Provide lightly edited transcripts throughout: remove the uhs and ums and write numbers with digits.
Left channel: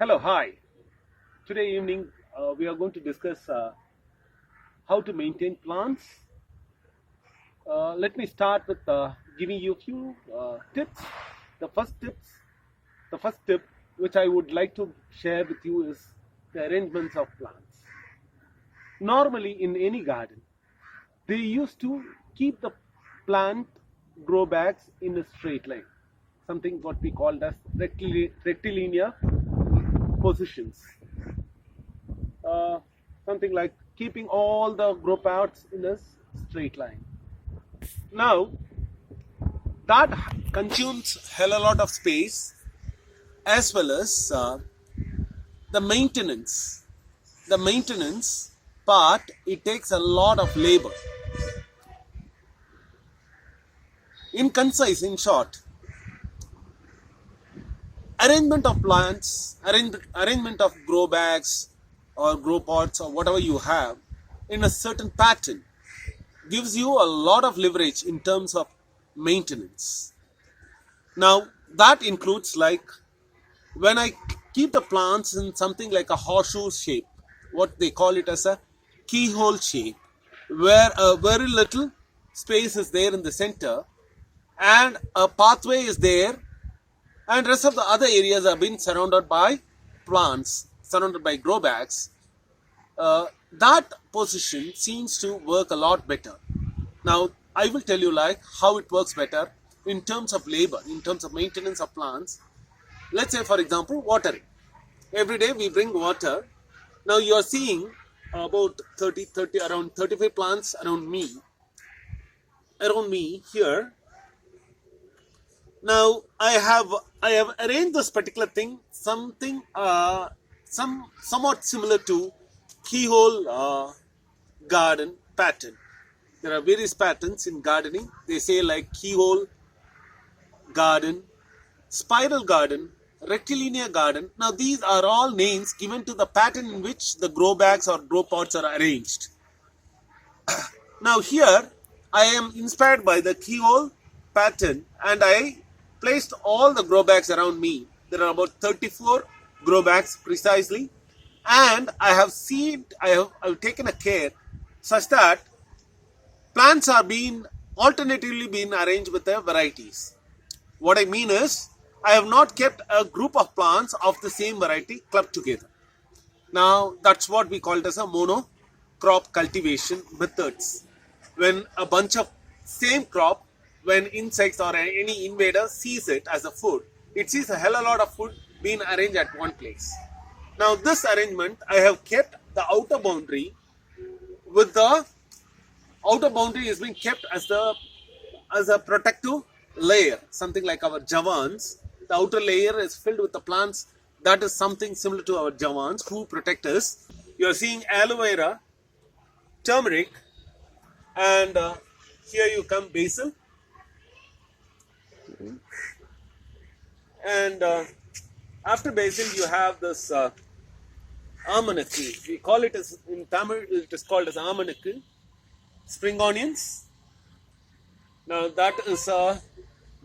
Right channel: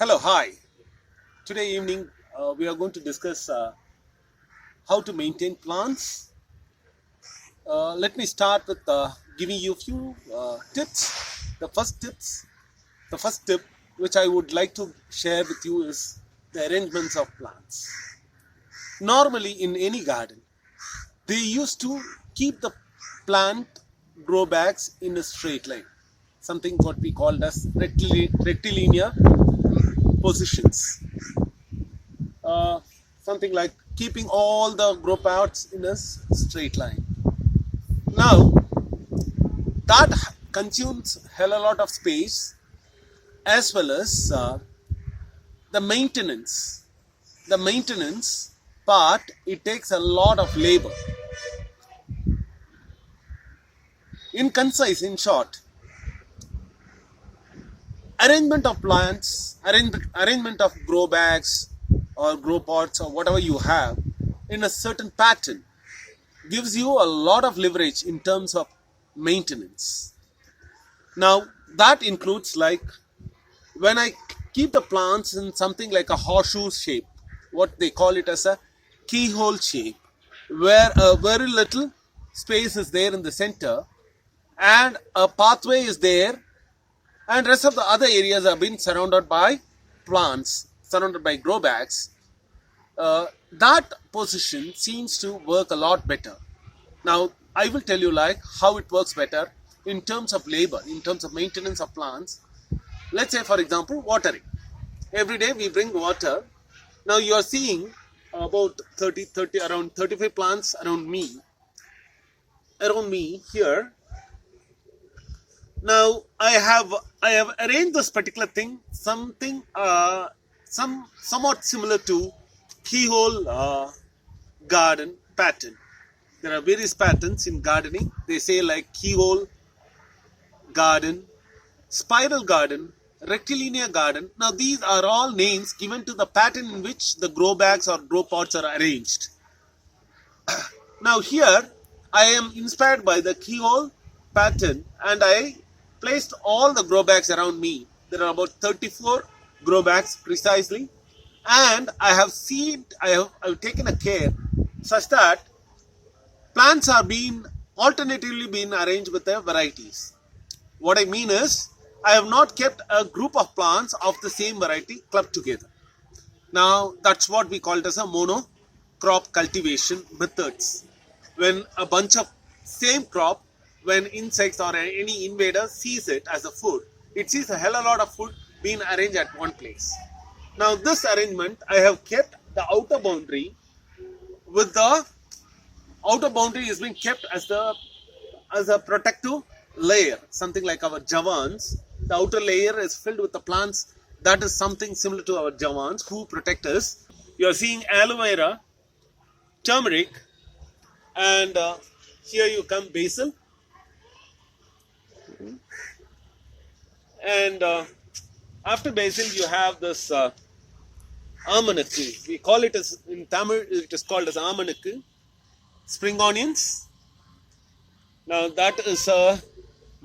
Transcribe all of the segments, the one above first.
Hello, hi. Today evening we are going to discuss how to maintain plants. Let me start with giving you a few tips. The first tips, the first tip which I would like to share with you is the arrangements of plants. Normally, in any garden, they used to keep the plant grow bags in a straight line, something what we called as rectilinear positions. uh, Something like keeping all the grow parts in a straight line. Now, that consumes hell a lot of space as well as the maintenance. The maintenance part, it takes a lot of labor. In concise, in short, arrangement of plants, arrangement of grow bags or grow pots or whatever you have in a certain pattern gives you a lot of leverage in terms of maintenance. Now, that includes like when I keep the plants in something like a horseshoe shape, what they call it as a keyhole shape, where a very little space is there in the center and a pathway is there, and rest of the other areas have been surrounded by plants, surrounded by grow bags. That position seems to work a lot better. Now, I will tell you like how it works better in terms of labor, in terms of maintenance of plants. Let's say, for example, watering. Every day we bring water. Now you are seeing about 30, around 35 plants around me here. Now I have arranged this particular thing something somewhat similar to keyhole garden pattern. There are various patterns in gardening. They say like keyhole garden, spiral garden, rectilinear garden. Now these are all names given to the pattern in which the grow bags or grow pots are arranged. Now here I am inspired by the keyhole pattern and I placed all the grow bags around me. There are about 34 grow bags precisely, and I have taken a care such that plants are being alternatively being arranged with their varieties. What I mean is, I have not kept a group of plants of the same variety clubbed together. Now, that's what we call it as a monocrop cultivation methods. When a bunch of same crop, when insects or any invader sees it as a food, it sees a hell of a lot of food being arranged at one place. Now, this arrangement, I have kept the outer boundary with the outer boundary is being kept as a protective layer, something like our javans. The outer layer is filled with the plants that is something similar to our javans who protect us. You are seeing aloe vera, turmeric, and here you come basil, and after basil you have this almanakku. We call it as in Tamil. It is called as almanakku. Spring onions. Now that is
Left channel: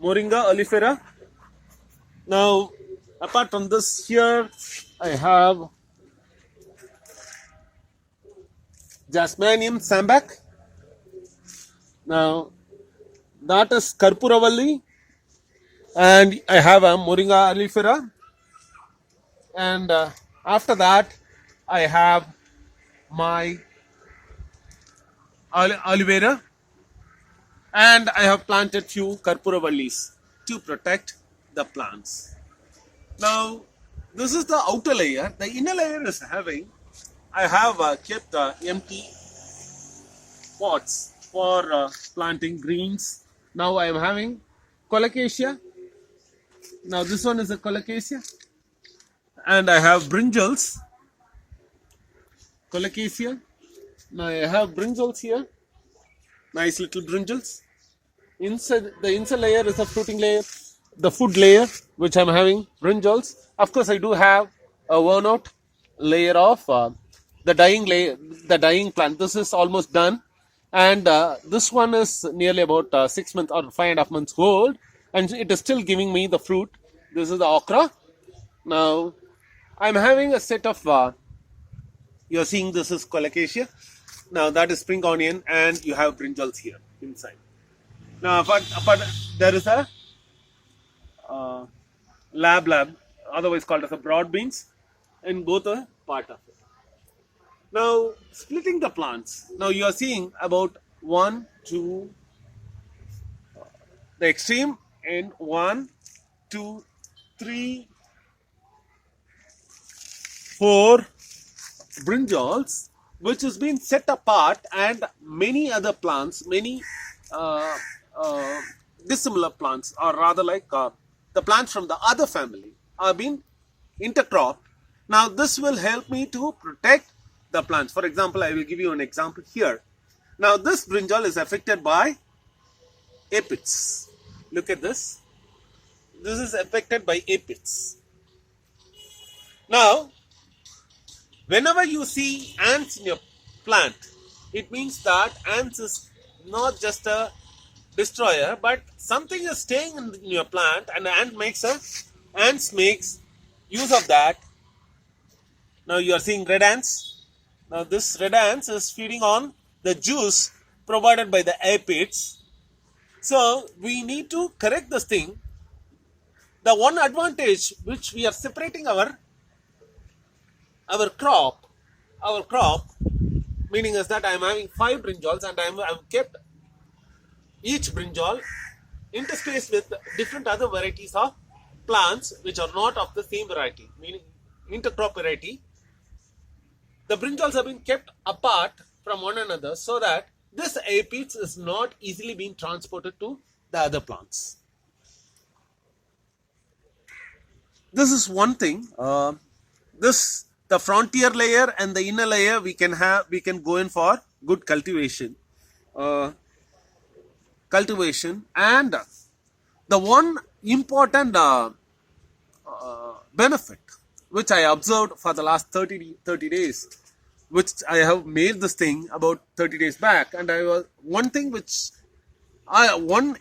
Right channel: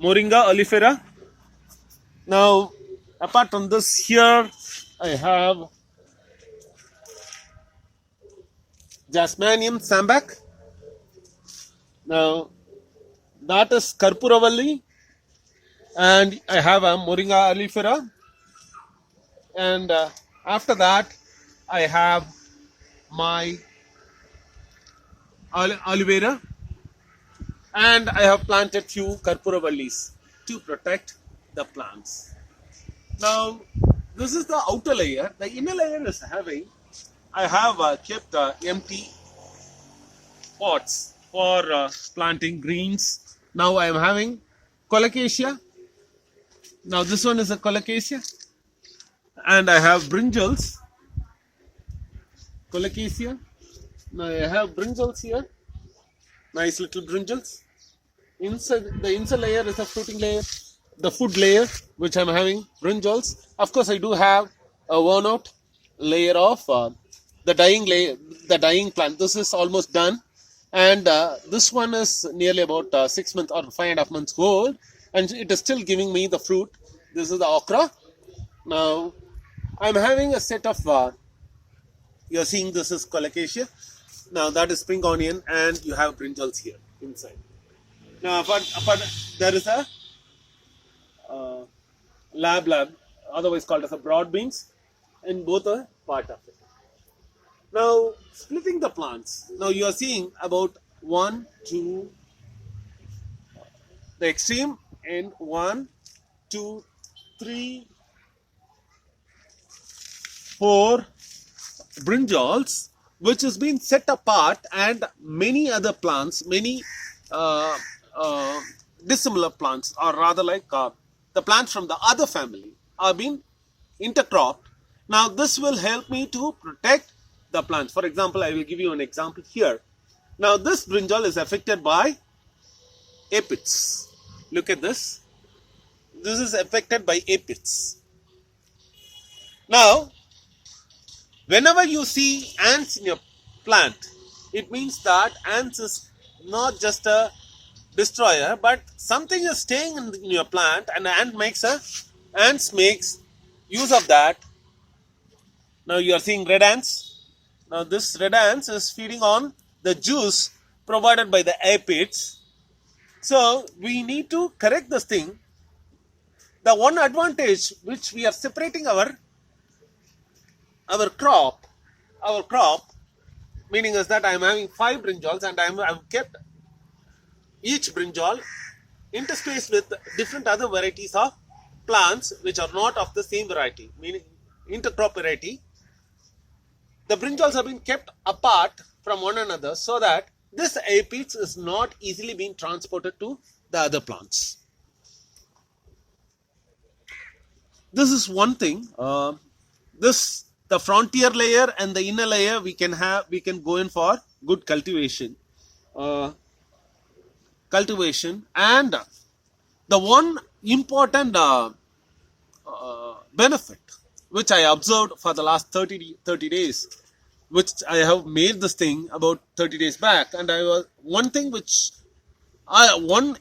Moringa oleifera. Now, apart from this, here I have Jasmanium sambac. Now, that is Karpuravalli, and I have a Moringa oleifera. And after that, I have my aloe vera, and I have planted few Karpuravallis to protect the plants. Now, this is the outer layer. The inner layer is having, I have kept empty pots for planting greens. Now I am having colocasia. Now this one is a colocasia. And I have brinjals. Colocasia. Now I have brinjals here. Nice little brinjals. Inside the inside layer is a fruiting layer. The food layer, which I'm having brinjals. Of course, I do have a worn out layer of the dying plant. This is almost done, and this one is nearly about 6 months or 5.5 months old, and it is still giving me the fruit. This is the okra. Now, I'm having a set of, you're seeing this is colocasia. Now that is spring onion, and you have brinjals here inside. Now, but there is a uh, lab, otherwise called as a broad beans, in both a part of it. Now, splitting the plants. Now you are seeing about 1, 2, the extreme, and 1, 2, 3, 4 brinjals, which has been set apart, and many other plants, many uh, uh, dissimilar plants, or rather like the plants from the other family, are being intercropped. Now this will help me to protect the plants. For example, I will give you an example here. Now this brinjal is affected by aphids. Look at this. This is affected by aphids. Now, whenever you see ants in your plant, it means that ants is not just a destroyer, but something is staying in your plant, and ants makes use of that. Now you are seeing red ants. Now this red ants is feeding on the juice provided by the aphids. So we need to correct this thing. The one advantage which we are separating our crop, meaning is that I am having 5 brinjals, and I've kept each brinjal interspaced with different other varieties of plants which are not of the same variety, meaning intercrop variety. The brinjals have been kept apart from one another so that this aphids is not easily being transported to the other plants. This is one thing. The frontier layer and the inner layer, we can go in for good cultivation. And the one important benefit which I observed for the last 30 days, which I have made this thing about 30 days back, and one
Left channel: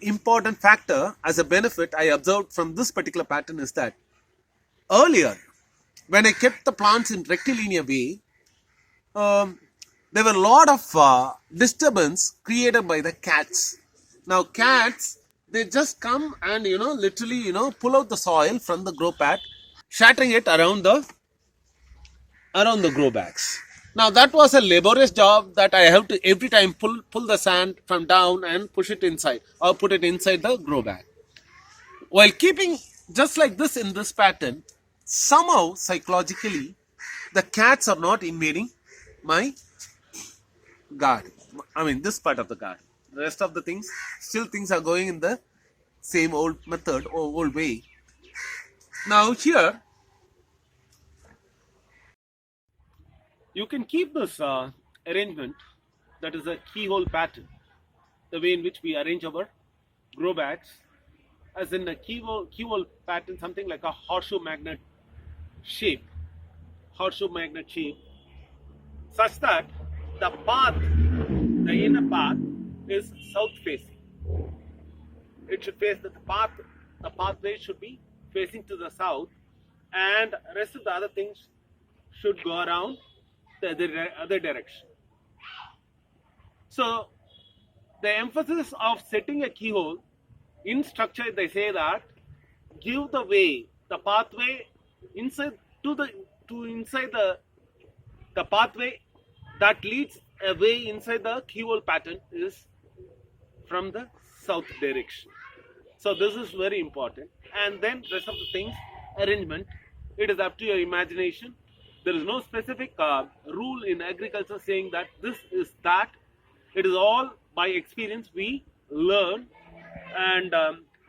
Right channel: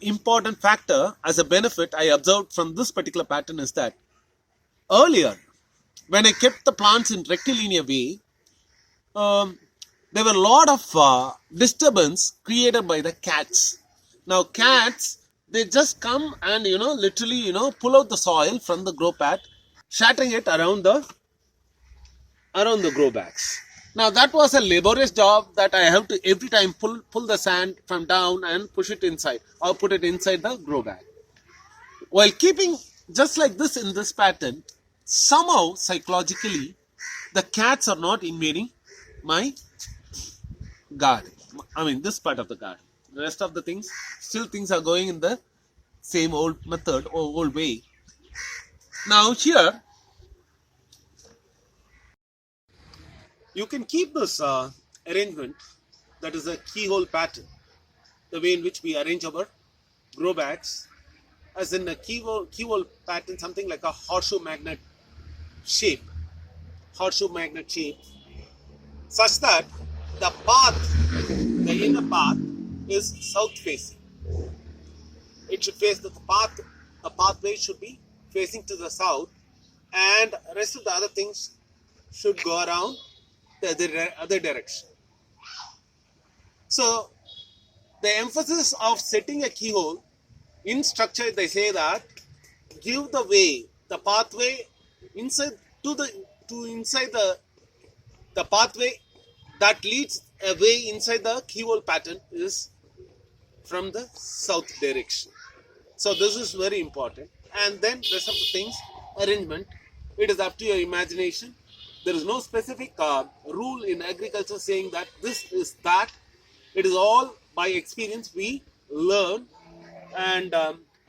important factor as a benefit I observed from this particular pattern is that earlier, when I kept the plants in rectilinear way, there were a lot of disturbance created by the cats. Now cats, they just come and literally pull out the soil from the grow pat, shattering it around the grow bags. Now that was a laborious job that I have to every time pull the sand from down and push it inside, or put it inside the grow bag. While keeping just like this in this pattern, somehow psychologically the cats are not invading my garden. I mean this part of the garden. The rest of the things, still things are going in the same old method or old way. Now here, you can keep this arrangement, that is a keyhole pattern, the way in which we arrange our grow bags, as in a keyhole pattern, something like a horseshoe magnet shape, such that the inner path is south facing. It should face the pathway should be facing to the south, and rest of the other things should go around the other direction. So the emphasis of setting a keyhole in structure, they say that give the pathway inside the pathway that leads away inside the keyhole pattern is from the south direction. So this is very important. And then rest of the things, arrangement, it is up to your imagination. There is no specific rule in agriculture saying that this is that. It is all by experience we learn, and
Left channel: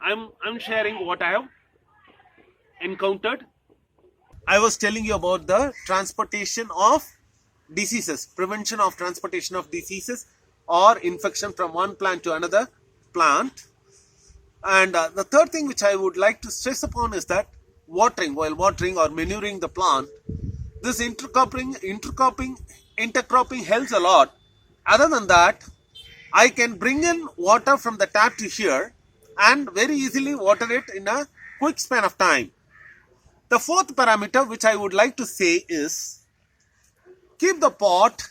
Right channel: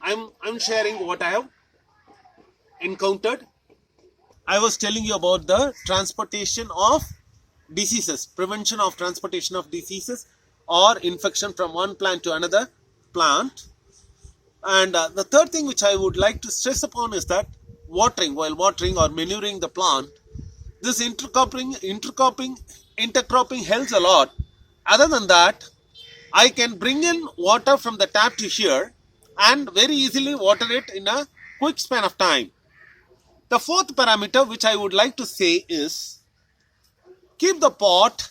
I'm sharing what I have encountered. I was telling you about the transportation of diseases, prevention of transportation of diseases or infection from one plant to another plant. And the third thing which I would like to stress upon is that while watering or manuring the plant, this intercropping helps a lot. Other than that, I can bring in water from the tap to here and very easily water it in a quick span of time. The fourth parameter which I would like to say is keep the pot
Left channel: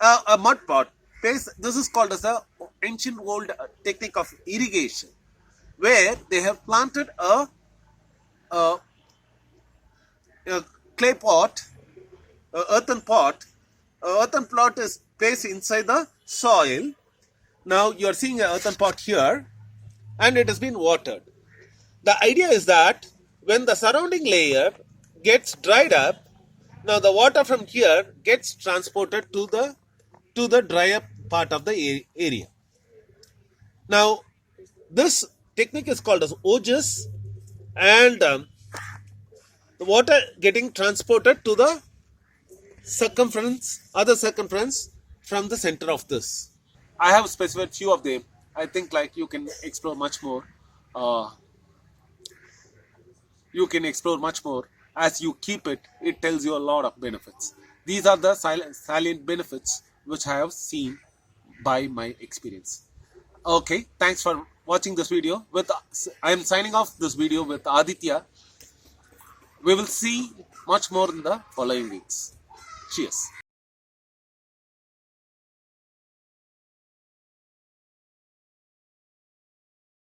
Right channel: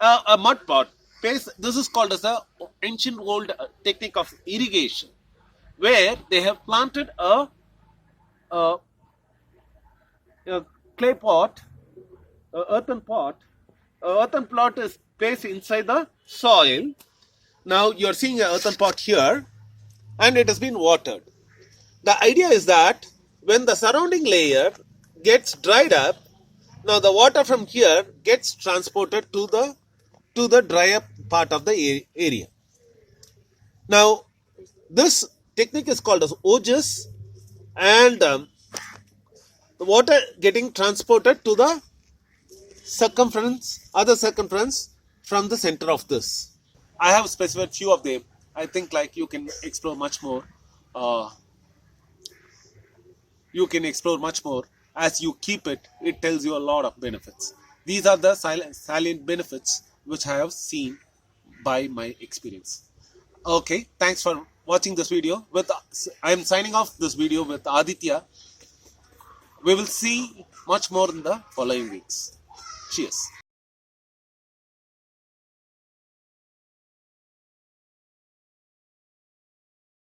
a mud pot. This is called as the ancient old technique of irrigation, where they have planted a clay pot, a earthen pot. A earthen pot is placed inside the soil. Now you are seeing an earthen pot here, and it has been watered. The idea is that when the surrounding layer gets dried up, now the water from here gets transported to the dry up part of the area. Now this technique is called as ojas, and the water getting transported to the other circumference from the center of this. I have specified few of them. I think like you can explore much more. As you keep it. It tells you a lot of benefits. These are the salient benefits which I have seen by my experience. Okay, thanks for watching this video. I am signing off this video with Aditya. We will see much more in the following weeks. Cheers.